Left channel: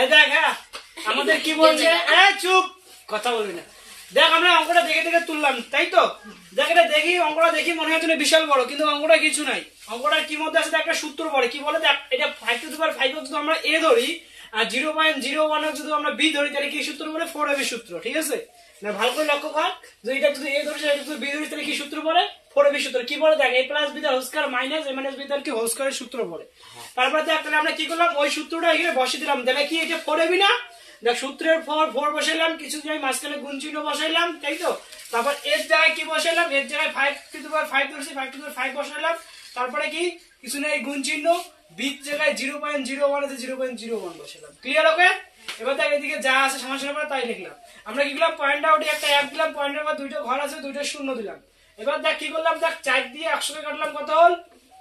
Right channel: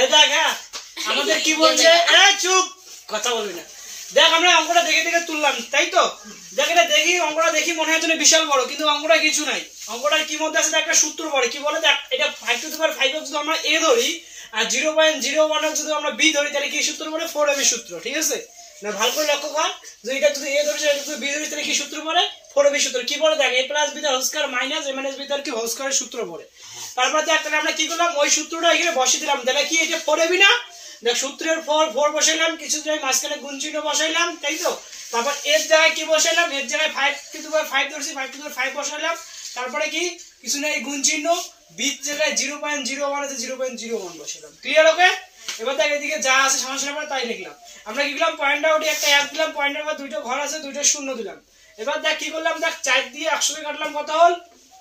এই দেখ হ্যাঁ আমাদের কি বলছে চুপ কথা বলবি না। দেখ আমরা অঙ্কটা দেখে দেখে তুললাম তাই তো। দেখ এটা দেখি অঙ্কটা দেখি মনে হয় বিশাল বড়, কিন্তু অঙ্কটা কিছু নাই। অঙ্কটার কি মধ্যে আছে একটা সূত্র পড়ে কি বলে দেখ, এটা 5 টু দি পাওয়ার 5 যদি আমরা a ধরি আর 0.01 যদি আমরা b ধরি তাহলে কি সূত্র বলে 4ab সূত্র। ঠিক আছে না, ভালো করে লক্ষ্য কর যে এটা যদি a ধরি এটা যদি b ধরি তাহলে কি সূত্র পড়ে 4ab সূত্র। কি বলে দেখ a + b whole square minus a - b তার কি হোল স্কয়ারের সূত্র পড়ে। তারপর দেখ তাহলে আমরা কি করলাম ওই সূত্রটা এখানে বসিয়ে দিলাম। তাহলে কি এটা 4ab না, দেখ সূত্রের 4 বসাইলাম, কিছু জায়গায় মাঝখানে গুণ চিহ্ন বসাইলাম তাই তো। তারপর এর জায়গায় কি বসাইলাম, এর জায়গায় 5 টু দি পাওয়ার 5 ধরছি 5 টু দি পাওয়ার 5 বসাইলাম। তারপরে কি কিছু নেই গুণ চিহ্ন, বি জায়গায় 0.01 আছে 0.01 বসাইলাম। ক্লিয়ার? ওকে এবার দেখ এদিকে যা আছে সমস্যা পড়ে তাই লিখলাম। আমরা কি করলাম পয়েন্ট আউটে একটা অ্যাপ দিলাম, পয়েন্টের পর দুইটা ঘর আছে দুইটা শূন্য দিলাম। এবার দেখ কি করলাম, দেখ 4 দিয়ে 100 কে কাটলাম কত হল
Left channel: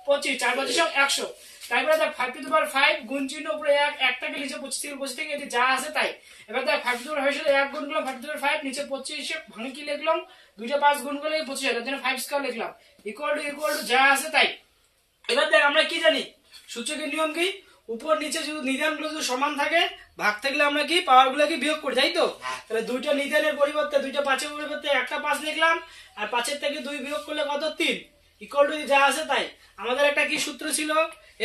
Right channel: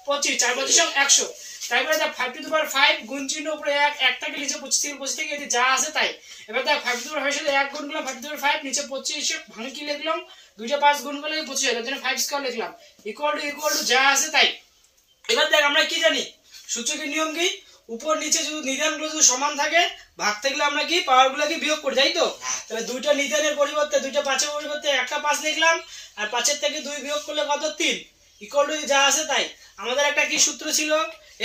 25, 4 25 100। তারপরে দেখ 5 টু দি পাওয়ার 5 গুণ চিহ্ন উপরে 1 একটাকে নিচে 25 থেকে এই যা আছে তাই। এবার দেখ 5 টু দি পাওয়ার 5 সাথে 1 গুণ করলাম 5 টু দি পাওয়ার 5 নিচে 25 ভাঙে কি লিখলাম দুইটা 5 গুণ করলে 25 এর জন্য 5 স্কয়ার লিখলাম ইকুয়াল টু যা আছে তাই। এবার দেখ আমরা কি জানি সূচকের নিয়ম কি, উপর নিচে যদি নিধানগুলো যদি সমান থাকে ভাগ থাকলে আমরা কি পাওয়ারগুলোকে বিয়োগ করি তাই তো। তাহলে দুইটা নিধানের পরিবর্তে দুইটা 5 এর পরিবর্তে একটা 5 লিখলাম আর 5 এর থেকে 2 বিয়োগ করলে কত 3 ইকুয়াল টু যা আছে তাই। আমাদের একটা কি সূত্র ছিল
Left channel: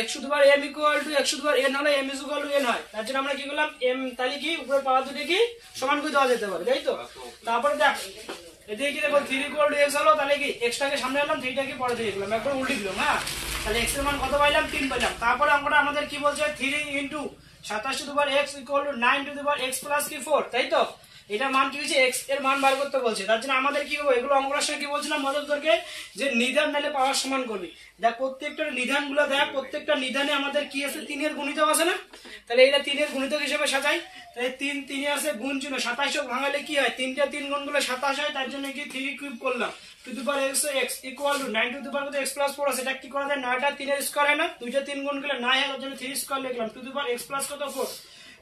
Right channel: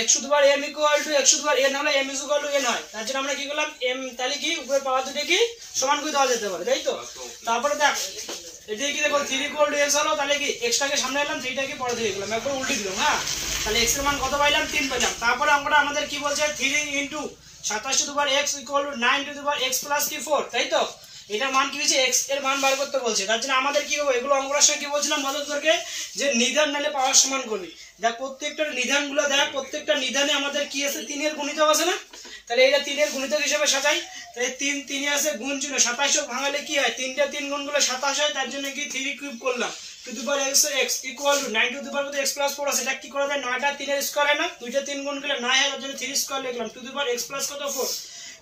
x to the power m equal to x to the power n হলে m ইকুয়াল টু n হয়। তার জন্য আমরা কি করলাম m তাহলে কি উপরে পাওয়ার দুটো কি সমান করে দেওয়া যেতে পারে তাই তো। তারপরে দেখ এদিকে কি দেখো 3 ইকুয়াল টু x হলো, তাহলে কি x টাকে সামনে আনলাম 3 টাকে পরে দিয়ে দিলাম একবার উল্টে দিলাম। হ্যাঁ তাহলে x এর মান কত পাইলাম 3 পাইলাম। তারপরে আমরা আমাদের কি বলছে 3 into 27 two the power x equal to 9 two the power x plus কি 4 তাই তো। এটা মান কি হচ্ছে x এর মান বার করতে বলছে। তার জন্য আমাদের কি হবে এগুলো অঙ্কটার সঙ্গে কি বলছিলাম মদতকে যে নিধান নালে পাওয়ার সমান করবি। দেখ প্রত্যেকটা নিধানগুলো দেখ প্রত্যেকটা নিধানে আমাদের কি আছে 3 এর গুণিতক আছে না, তাহলে এটা 3 এর গুণিতক হিসেবে সাজাই। তাহলে 3 3 আছে গুণ চিহ্ন 27 ভাঙালে কি হয় 3 টা 3 গুণ করলে 27 হয়। তার জন্য কি 3 কিউব করলাম two the power x equal to 9 two the power x plus 4 আছে। এটা কি করা যায় 9টা 3 এর স্কয়ার হয় না, দুইটা 3 গুণ করলে 9 হয়, তার জন্য 3 স্কয়ার লিখলাম two the power x plus কত 4।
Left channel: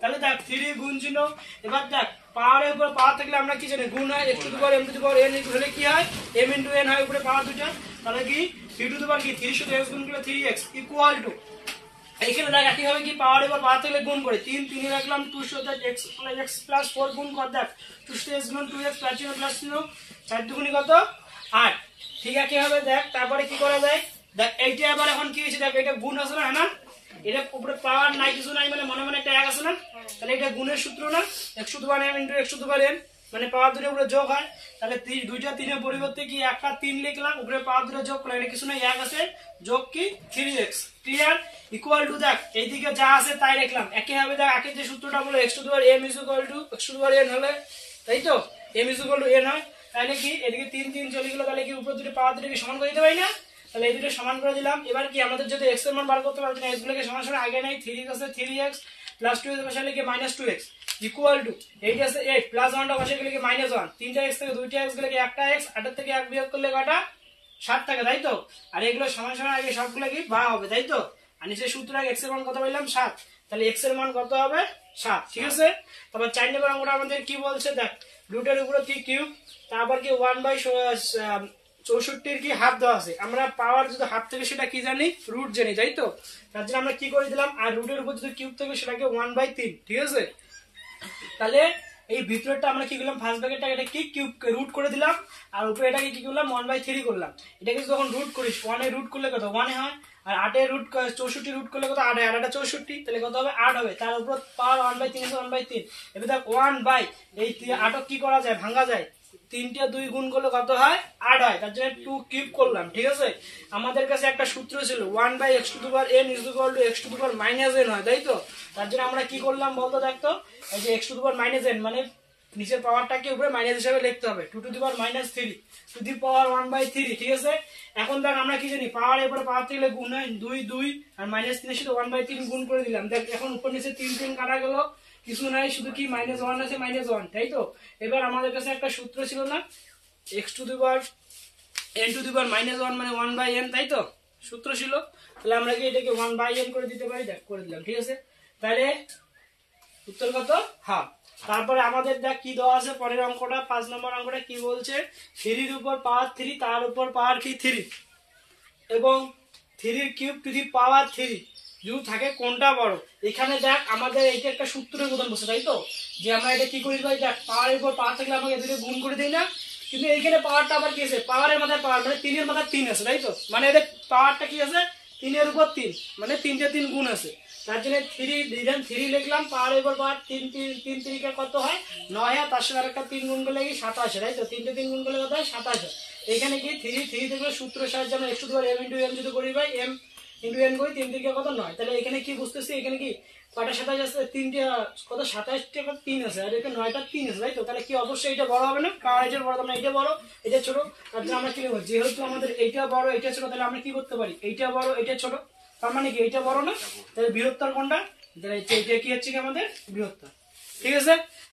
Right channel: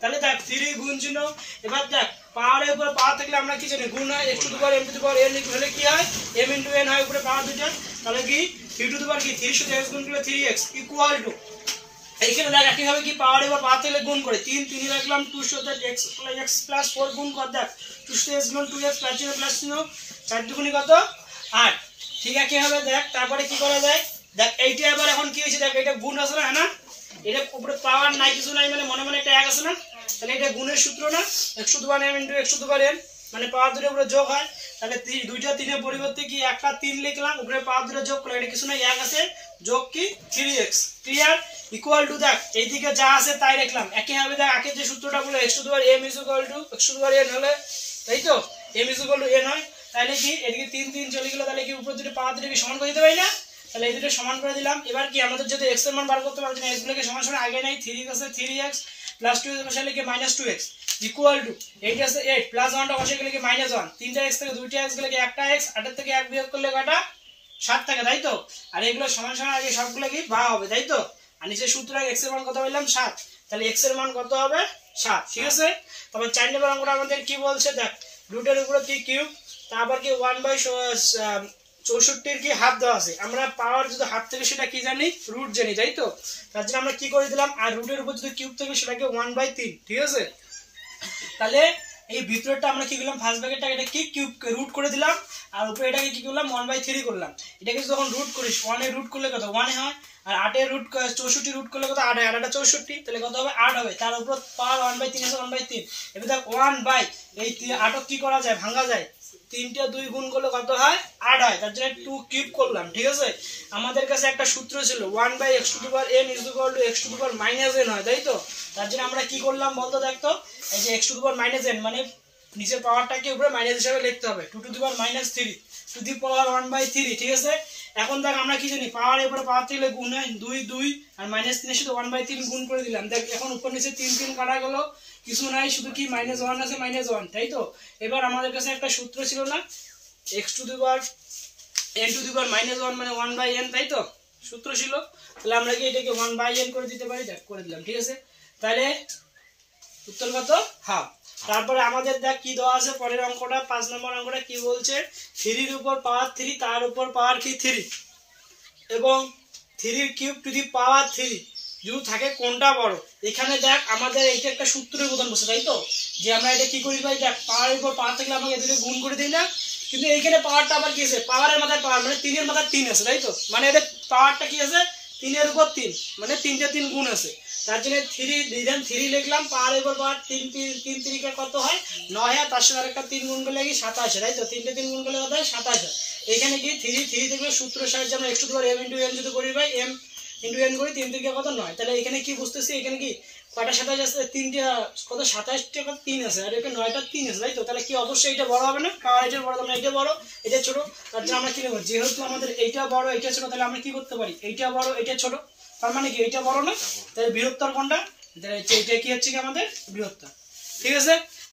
তাহলে দেখ 3 গুণ চিহ্ন। এবার দেখ পাওয়ারের উপর পাওয়ার থাকলে আমরা কি জানি গুণ হয় x to the power m two the power n হলে কি হয় m ইনটু n হয় উপরে পাওয়ার দুটো। তাহলে কি 3 টু দি পাওয়ার কি 3 সাথে x গুণ করলে 3x ইকুয়াল টু এইখানে দেখ একই হবে কি পাওয়ার এবার পাওয়ার থাকলে গুণ করে 3 3 রাখলাম 2 সাথে x প্লাস 4 গুণ কর দেখ 2 সাথে x গুণ 2x প্লাস চিহ্ন 4 দুগুণী কত 8। ঠিক আছে হবে দেখ তারপরে কি করা যায় দেখ এইটা আবার এখন কি হয়েছে দেখ এটা গুণ আছে না এটা উপরে পাওয়ার নাই কিছু নাই মানে মনে মনে একটা 1 আছে না, তাহলে এটা গুণের সূত্র না x to the power m into x to the power n মানে পাওয়ার দুটোর উপরে যোগ হয়। তাহলে দুইটা 3 এর পরিবর্তে কি একটা 3 লিখলাম উপরে পাওয়ার দুটো যোগ করলাম, এটা কিছু না 1 আছে যোগ কি 3x ক্লিয়ার ইকুয়াল টু দেখ এইদিকে যা আছে তাই লিখলাম। একই হবে দেখ আগে যে সূত্রটা বলে x to the power m equal to x to the power n হলে তাই তো m ইকুয়াল টু n হয়। তাহলে কি এদিকে 3 3 চলে গেল, তাহলে কি উপরে দুটো পাওয়ার দুটোকে সমান করে দিতে পারি না, তাহলে এই দুটো সমান করে দিলাম। এবার কি আমাদের যদি x এর মান বার করতে পারছি না x গুলোকে সমান সমান আগে নাই 3 আছে 3x প্লাস 2 এর বসালে কি -2x ইকুয়াল টু 8 আছে 8 প্লাস 1টা বসে গেলে কি -1 তিনটা x থেকে দুইটা x গেলে কি একটা x 8 এর থেকে 1 বিয়োগ করলে কয়টা 7 থাকে তাই তো। আর এগুলো সমান সমান আগে সবগুলো কি বা হবে তাই তো। আর নিচে সূত্র x এর মান কত পেলাম 7, তাহলে x এর মান কত হবে 7 ঠিক আছে। তারপর 4 নম্বর অঙ্কটা আমাদের কি বলছে দেখ রুটের উপরে কি কিউব তারপর কি 1/64 কি হাফ দেওয়া আছে। আমরা পাওয়ার যদি হাফ থেকে সেটা কি জানি রুট জানি তাই তো। তার জন্য আমরা কি করে দিলাম আর রুটের উপর যদি কিউব থেকে সেটাকে 1/3 ঠিক আছে। তাহলে এই ভিতরটা আমরা কি করলাম ফার্স্ট ব্র্যাকেটটা এটা কি কিউব রুট করে দিলাম আর উপরে এটাকে কি করলাম 1/3 করলাম। এটাকে যখন রুট করিস 1 এর রুট করলে কত 1 হয় আর 8 এর রুট 64 রুট করলে কত 8 হয়, আর এটা 64 তাহলে কত হবে 8 হবে। তার উপর পাওয়ার 1/3 আছে 1/3। এবার দেখ 1 এই 8 কি করা যায় ভাঙা যায় 3টা 2 গুণ করলে কত হয় 8 হয়, তার জন্য 2 কিউব করলাম ঠিক আছে। আমাদের কাছে একটা সূত্র ছিল 1/x two the power n is equal to x to the power -n হয় তাই তো। তার জন্য আমরা কি করলাম বলতো দেখতো এই যে x to the power -n মানে নিচের পাওয়ারটাকে উপরে মাইনাস হিসেবে লিখতে হবে 2 two the power -3 two the পাওয়ার 1/3 ঠিক আছে। এখন দেখ আমরা কি জানি পাওয়ার উপরে পাওয়ার থেকে গুণ হয় 2 2 আর -3 এর সাথে 1/3 গুণ করে দিলাম। দেখ এখন উপর নিচে 3 3 কাটা গেল কিছু নাই শুধু কি -1 আছে -1 তাই তো। এবার আমাদের কাছে একটা সূত্র ছিল না x to the power n to the power -1 মানে 1/n তাই তো সূত্র ছিল। তাহলে আমরা কি এটাকে 1/n করে দিতে পারি দেখ করে দিলাম ঠিক আছে। তাহলে উত্তর কত হাফ। তারপরে আমাদের দেখ কি দেওয়া আছে পরের অঙ্কটা 5 নম্বর অঙ্কটা কি বলছে 3 এর উপর পাওয়ার 3 তার উপর পাওয়ার কি 3 এবং 3 এর কিউব টু দি পাওয়ার 3 যদি থাকে কোনটা বড়। এখানে দেখ আমাদের এইটা একটা সূত্রের প্রধান বসে, তাই তো, যে আমরা এটা কি করি ভাই, দেখ পাওয়ারের উপর পাওয়ার থাকলে আমাকে এদের গুণ করে দিই না, কিন্তু এইখানে পাওয়ারটা আবার কি আছে, পাওয়ারের মাথায় পাওয়ার, মানে 3 এর মাথায় 3 আছে, তাই তো, মানে এদের পাওয়ারটা কি আছে 3 এর উপর 3, মানে 3 3 গুণ আছে। তার জন্য 3 লিখলাম, পাওয়ারের উপর পাওয়ার 3 3 3 কত হয় 9 হয়, তার সাথে আরেকটা 3 গুণ করলে কি 27, তাই তো, 3 3 গুণ করলে কত হয় 27। এখানে কি 3 থেকে সূত্রের সাহায্যে আমরা x to the power m * n যদি করি ভাই, m * n করি 3 3 কত 9, তাহলে এখানে কি বুঝতেছি, এখানে কি কয়টা 27 আছে, 3টা কত 27টা কত 3 আছে, আর এখানে 9টা 3 আছে, তাই তো, তাহলে কি অবশ্যই এটা বড় হবে না, পাওয়ার এটার বড়, তাহলে এটা বড় এটা ছোট। তার জন্য আমরা কি নেব, যেহেতু আমাদের এইটা বড় এইটা ছোট, তাহলে আমরা কি করতে পারি, এইটা বড় এটা ছোট, তার মানে কি এইটা বড় না, তাহলে বৃহত্তর কোনটা, তাহলে এইটা কি হচ্ছে কি আমাদের বৃহত্তর। ঠিক আছে।